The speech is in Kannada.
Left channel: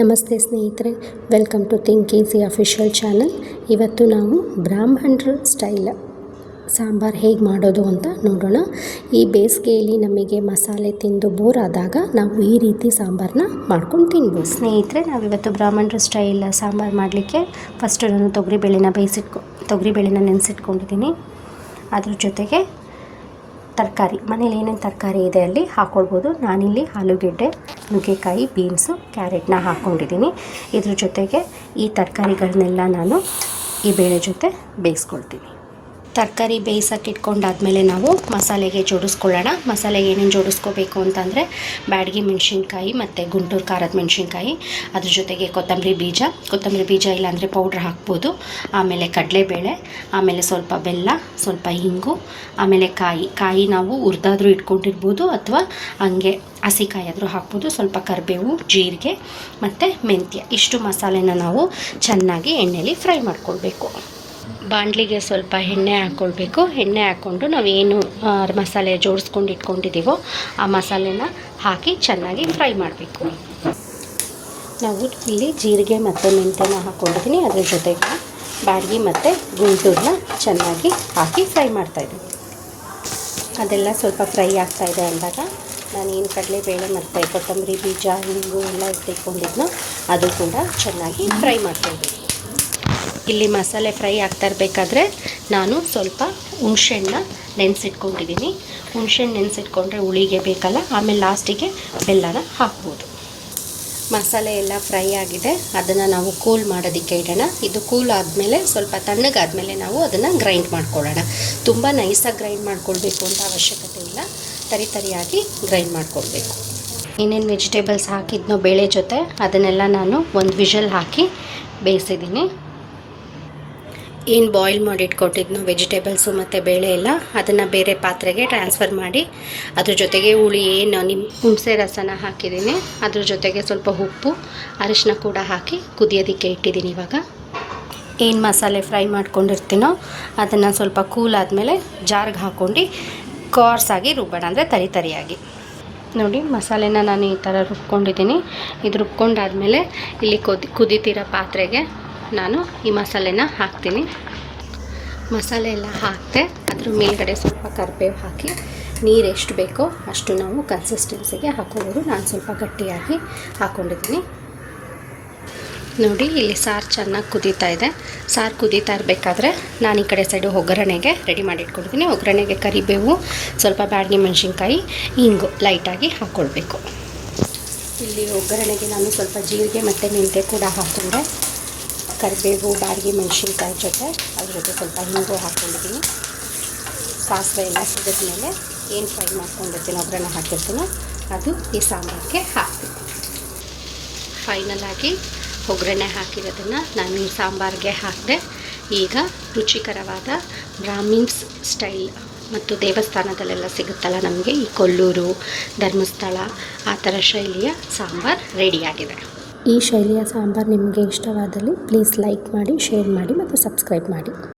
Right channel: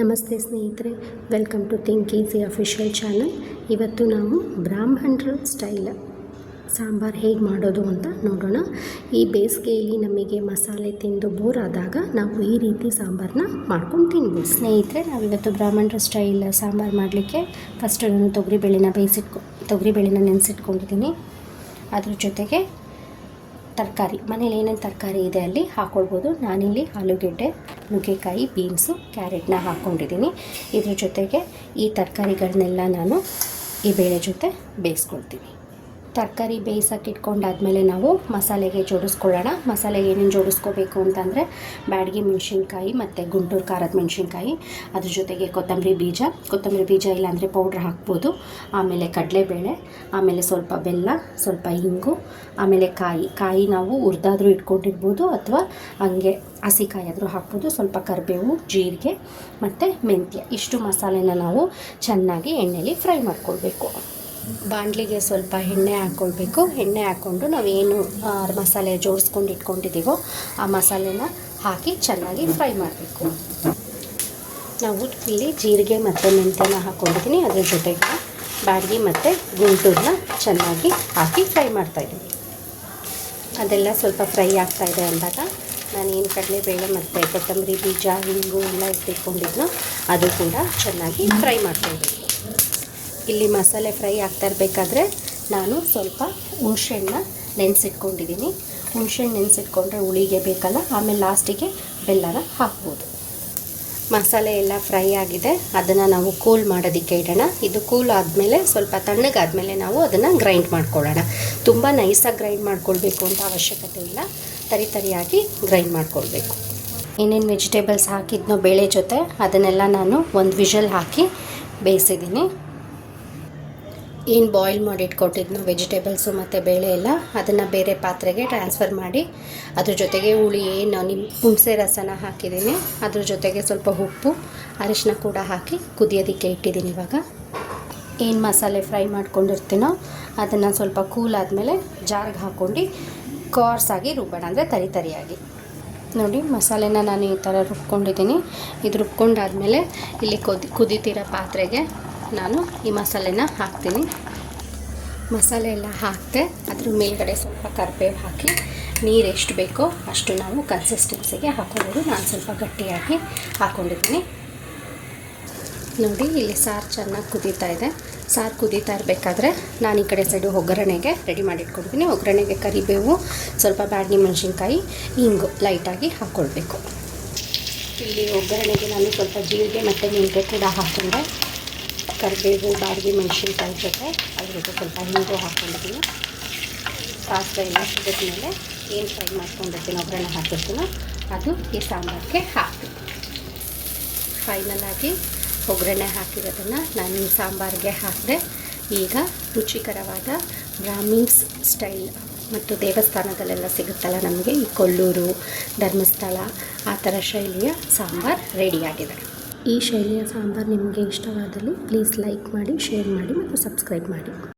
ನಮಸ್ತೆ ಸ್ನೇಹಿತರೆ, welcome to Think Easy official channel. ಇವತ್ತು ನಾವು ಬ್ರಾಹ್ಮಣರ ಸ್ಟೈಲ್ ಸಾಂಬಾರು ಹೇಗೆ ಮಾಡೋದು ಅಂತ ನೋಡೋಣ. ಈ ಬೇಸಿಗೆಯಲ್ಲಿ ನಮಗೆ ಮಸಾಲೆ ತಿಂದು ಬೋರ್ ಆದಾಗ ನಾವು ಈ ರೀತಿ ಸಾಂಬಾರನ್ನ ಮಾಡ್ಕೊಂಡು ತಿನ್ಬೋದು. ಸ್ನೇಹಿತರೆ, ನಾವಿವತ್ತು ಬ್ರಾಹ್ಮಣರ ಸ್ಟೈಲ್ ಸಾಂಬಾರು ಮಾಡಲಿಕ್ಕೆ ಫಸ್ಟು ನಾನು ತೊಗರಿಬೇಳೆನ ನೆನೆಸಿಟ್ಕೊಂಡಿದ್ದೀನಿ. ಅದ್ರ ಜೊತೆಗೆ ತರಕಾರಿ, ಮನೇಲಿ ಏನೇನು ತರಕಾರಿ ಇದೆ ಅಲ್ಲಿ ಹಾಕ್ಕೊಳ್ಬೋದು. ನಾನಿಲ್ಲಿ ಆಲೂಗೆಡ್ಡೆ, ನುಗ್ಗೆಕಾಯಿ, ಬೀನ್ಸು, ಕ್ಯಾರೆಟ್ನ ಹಾಕ್ಕೊಂಡಿದ್ದೀನಿ. ಇದ್ರ ಜೊತೆಗೆ ಈ ತರಕಾರಿಗಳನ್ನೆಲ್ಲ ನಾನು ಈ ಬೇಳೆ ಜೊತೆ ಬೇಯಿಸ್ಕೊಳ್ತೀನಿ. ತರಕಾರಿ ಬೇಯಿಸೋಕೆ ಇಟ್ಕೊಂಡಾದ್ಮೇಲೆ ನಾವು ಮಸಾಲೆಗೆ ಜೋಡಿಸ್ಕೊಳ್ಳೋಣ. ಮಸಾಲೆಗೆ ಏನೇನು ಜೋಡಿಸ್ಕೋಬೇಕು ಅಂತಂದರೆ ಬ್ಯಾಡಗಿ ಮೆಣಸಿನ್ಕಾಯಿ ಮತ್ತು ಗುಂಟೂರು ಖಾರದ ಮೆಣಸಿನ್ಕಾಯಿ, ಅದ್ರ ಜೊತೆಗೆ ಕೊತ್ತಂಬರಿ ಬೀಜ ಇಲ್ಲಾಂದರೆ ಪೌಡ್ರ್ ಹಾಕ್ಬೋದು. ಆಮೇಲೆ ಕಡಲೆಬೇಳೆ, ಆಮೇಲೆ ಸ್ವಲ್ಪ ಬೆಲ್ಲ, ಸ್ವಲ್ಪ ಹಿಂಗು, ಆಮೇಲೆ ಕಾಯಿ ನಾವು ಹುರಿದಾದ್ರೂ ಇಟ್ಕೊಂಡಿರ್ಬೋದು ಅಥವಾ ಹಂಗೆ ಹಸಿಕಾಯಿ ಆದರೂ ಹಾಕ್ಬೋದು. ಸ್ವಲ್ಪ ಕರಿಬೇವು, ಜೀರಿಗೆ ಮತ್ತು ಮೆಂತ್ಯ, ಇಷ್ಟು ಮಸಾಲೆನ ನಾವು ಚೆನ್ನಾಗಿ ಎಣ್ಣೆಯಲ್ಲಿ ಫ್ರೈ ಮಾಡ್ಕೊಳ್ಬೇಕು. ಬಾಣಲಿಗೆ ಸ್ವಲ್ಪ ಎಣ್ಣೆ ಹಾಕ್ಕೊಳ್ಬೇಕು. ಎಣ್ಣೆ ಹಾಕ್ಕೊಂಡು ನಾವೇನು ಮಸಾಲೆ ಜೋಡಿಸ್ಕೊಂಡು ಇಟ್ಕೊಂಡಿದ್ದೀವೋ ಆ ಮಸಾಲೆನ ಹಾಕಿ ಚೆನ್ನಾಗಿ ಫ್ರೈ ಮಾಡಬೇಕು. ನಾವು ಇಲ್ಲಿ ಜೀರಿಗೆ ಮತ್ತು ಮೆಂತ್ಯನ ಹಾಕ್ಕೊಂಡಿದ್ದೀನಿ. ಅದ್ರ ಜೊತೆಗೆ ಬ್ಯಾಡಗಿ ಮತ್ತು ಗುಂಟೂರನ್ನ ಚೆನ್ನಾಗಿ ಹಾಕಿ ಫ್ರೈ ಮಾಡ್ತಾಯಿದ್ದೀನಿ. ಅದೆಲ್ಲ ಸ್ವಲ್ಪ ಫ್ರೈ ಆಗ್ತಾಯಿದೆ ಅಂದಾಗ ನಾನೇನು ಕಡಲೆಬೇಳೆ ಮತ್ತು ಕೊತ್ತಂಬರಿ ಬೀಜ, ಹಿಂಗು ಎಲ್ಲ ಇಟ್ಕೊಂಡಿದ್ನೋ ಅದು ಕೂಡ ಚೆನ್ನಾಗಿ ಫ್ರೈ ಮಾಡ್ತಾಯಿದ್ದೀನಿ. ಇಲ್ಲಿ ಮಸಾಲೆ ಫ್ರೈ ಆಗ್ತಾ ಇರಬೇಕಾದ್ರೆ ನಾನು ಸ್ವಲ್ಪ ಹುಣಸೆಹಣ್ಣನ್ನ ನೆನೆಸಿಟ್ಕೊಂಡಿದ್ದೀನಿ. ಹುಣಸೆಹಣ್ಣು ನೆನೆಸಿಟ್ಕೊಂಡ್ರೆ ಹುಳಿಗೆ ಬೇಕಲ್ಲ, ಆಮೇಲೆ ಲಾಸ್ಟಿಗೆ ಬೆಲ್ಲನ ಹಾಕ್ಬೋದು. ಮಸಾಲೆ ಎಲ್ಲ ಫ್ರೈ ಆಗಿದೆ, ಅದನ್ನು ನಾವು ಕೂಲ್ ಮಾಡೋದಕ್ಕೆ ಇಡೋಣ. ಇದು ಕೂಲ್ ಆದಮೇಲೆ ಸ್ವಲ್ಪ ತಣ್ಣಗಾದಮೇಲೆ ನಾವು ಅದನ್ನು ಗ್ರೈಂಡ್ ಮಾಡ್ಕೊಳ್ಳೋಣ. ತುಂಬ ನೈಸಾಗಿ ಗ್ರೈಂಡ್ ಮಾಡ್ಕೊಳ್ಬೇಕು ಅಂತ ಅವಶ್ಯಕತೆ ಇಲ್ಲ, ತರಿಯಾಗಿ ಗ್ರೈಂಡ್ ಮಾಡ್ಕೊಳ್ಬೇಕು. ಏನೇನು ವೆಜಿಟೇಬಲ್ಸ್ ಹಾಕಿದ್ನೋ ಬೇಳೆ ಜೊತೆ ಅದನ್ನೆಲ್ಲ ನಾನು ಒಂದು ವಿಷಲ್ ಹಾಕಿ ಬೇಯಿಸಿದ್ದೀನಿ. ಏನು ಬಾಯ್ಲ್ ಮಾಡಿ ಇಟ್ಕೊಟ್ಟಿದ್ನೋ ವೆಜಿಟೇಬಲ್ಸು ಮತ್ತು ಬೇಳೆ ಎಲ್ಲ ಅದನ್ನು ಬೇರೆ ಪಾತ್ರೆಗೆ ಟ್ರಾನ್ಸ್ಫರ್ ಮಾಡಿ ಅದ್ರ ಜೊತೆಗೆ ಹುಳಿ ಏನು ಹುಣಸೆ ರಸನ ಹಾಕಿದ್ದೀನಿ. ಅದ್ರ ಜೊತೆಗೆ ಸ್ವಲ್ಪ ಉಪ್ಪು, ಅರಿಶಿನ ಕೂಡ ಹಾಕಿ ಕುದಿಯೋದಕ್ಕೆ ಇಟ್ಟಿದ್ದೀನಿ. ಇವಾಗ ಏನು ಮಸಾಲೆ ಫ್ರೈ ಮಾಡ್ಕೊಂಡಿರ್ತೀನೋ ಅದನ್ನು ಸ್ವಲ್ಪ ಕೂಲ್ ಆದಮೇಲೆ ಜಾರ್ಗೆ ಹಾಕ್ಕೊಂಡು ಕೋರ್ಸಾಗಿ ರುಬ್ಬೋಣ, ಅಂದರೆ ತರಿಯಾಗಿ. ನೋಡಿ, ಮಸಾಲೆನ ನಾನು ಈ ಥರ ರುಬ್ಕೊಂಡಿದ್ದೀನಿ. ಇದು ರುಬ್ಕೊಂಡಾದಮೇಲೆ ಇಲ್ಲಿ ಕುದಿತಿರೋ ಪಾತ್ರೆಗೆ ನಾನು ಈ ಮಸಾಲೆನ ಹಾಕ್ತೀನಿ. ಮಸಾಲೆ ಎಲ್ಲ ಹಾಕಿದೆ, ಅದ್ರ ಮೇಲ್ಗಡೆ ಸ್ವಲ್ಪ ಕರಿಬೇವು ಹಾಕಿ ನೀರು ಎಷ್ಟು ಬೇಕೋ ಅಷ್ಟು ನಾವು ಕನ್ಸಿಸ್ಟೆನ್ಸಿಗೆ ಹಾಕ್ಕೊಂಡು ನಾನು ಸ್ವಲ್ಪ ಗಟ್ಟಿಯಾಗಿ ಹಾಕ್ಕೊಂಡಿದ್ದೀನಿ. ನೋಡಿ, ಇಲ್ಲಿ ಸಾರು ಚೆನ್ನಾಗಿ ಕುದೀತಾ ಇದೆ. ಸಾರು ಕುದೀತಾ ಇರಬೇಕಾದ್ರೆ ನಾನು ಈ ಕಡೆ ಸೈಡು ಒಗ್ಗರಣೆಗೆ ರೆಡಿ ಮಾಡಿಟ್ಕೊಳ್ತೀನಿ. ಒಗ್ಗರಣೆಗೆ ಕರಿಬೇವು, ಸ್ವಲ್ಪ ಬ್ಯಾಡಗಿ ಮೆಣಸಿನ್ಕಾಯಿ, ಹಿಂಗು ಲೈಟಾಗಿ ಹಾಕ್ಕೊಳ್ಬೇಕು. ಇಲ್ಲಿ ಒಗ್ಗರಣೆಗೆ ನಾನು ಸ್ವಲ್ಪ ಜೀರಿಗೆ ಮತ್ತು ಮೆಂತ್ಯ ಕೂಡ ಹಾಕ್ಕೊಂಡೆ. ಕರಿಬೇವು, ಬ್ಯಾಡಗಿ ಮೆಣಸಿನ್ಕಾಯಿ ಜೊತೆ ಅದ್ರ ಜೊತೆ ಸ್ವಲ್ಪ ಹಿಂಗು ಹಾಕ್ಕೊಂಡಿದ್ದೀನಿ. ಸಾಸಿವೆ ಎಲ್ಲ ಸಿಗಿದ್ಮೇಲೆ ಏನು ಫ್ರೈ ಮಾಡ್ಕೊಂಡಿರ್ತೀನಿ, ಒಗ್ಗರಣೆ ಹಾಕಿರ್ತೀನೋ ಅದು ಈ ಸಾಂಬಾರಿಗೆ ಹಾಕ್ತೀನಿ. ಫೈನಲಾಗಿ ಒಗ್ಗರಣೆ ಹಾಕಿರೋದನ್ನು ನಾನು ಈ ಸಾಂಬಾರಿಗೆ ಹಾಕಿದೆ. ಈಗ ರುಚಿಕರವಾದ ಬ್ರಾಹ್ಮಿನ್ಸ್ ಸ್ಟೈಲ್ ಮತ್ತು ದೇವಸ್ಥಾನದಲ್ಲೆಲ್ಲ ಸಿಗುತ್ತಲ್ಲ ನಮಗೆ, ಈ ಕೊಲ್ಲೂರು, ಧರ್ಮಸ್ಥಳ ಆ ಥರ ಶೈಲಿಯ ಸಾಂಬಾರು ರೆಡಿಯಾಗಿದೆ. ಈ ಶೈಲಿಯ ಸಾಂಬಾರು ನಿಮಗೆ ಇಷ್ಟವಾದಲ್ಲಿ ಪ್ಲೀಸ್ ಲೈಕ್ ಮಾಡಿ, ಶೇರ್ ಮಾಡಿ ಮತ್ತು ಸಬ್ಸ್ಕ್ರೈಬ್ ಮಾಡಿ.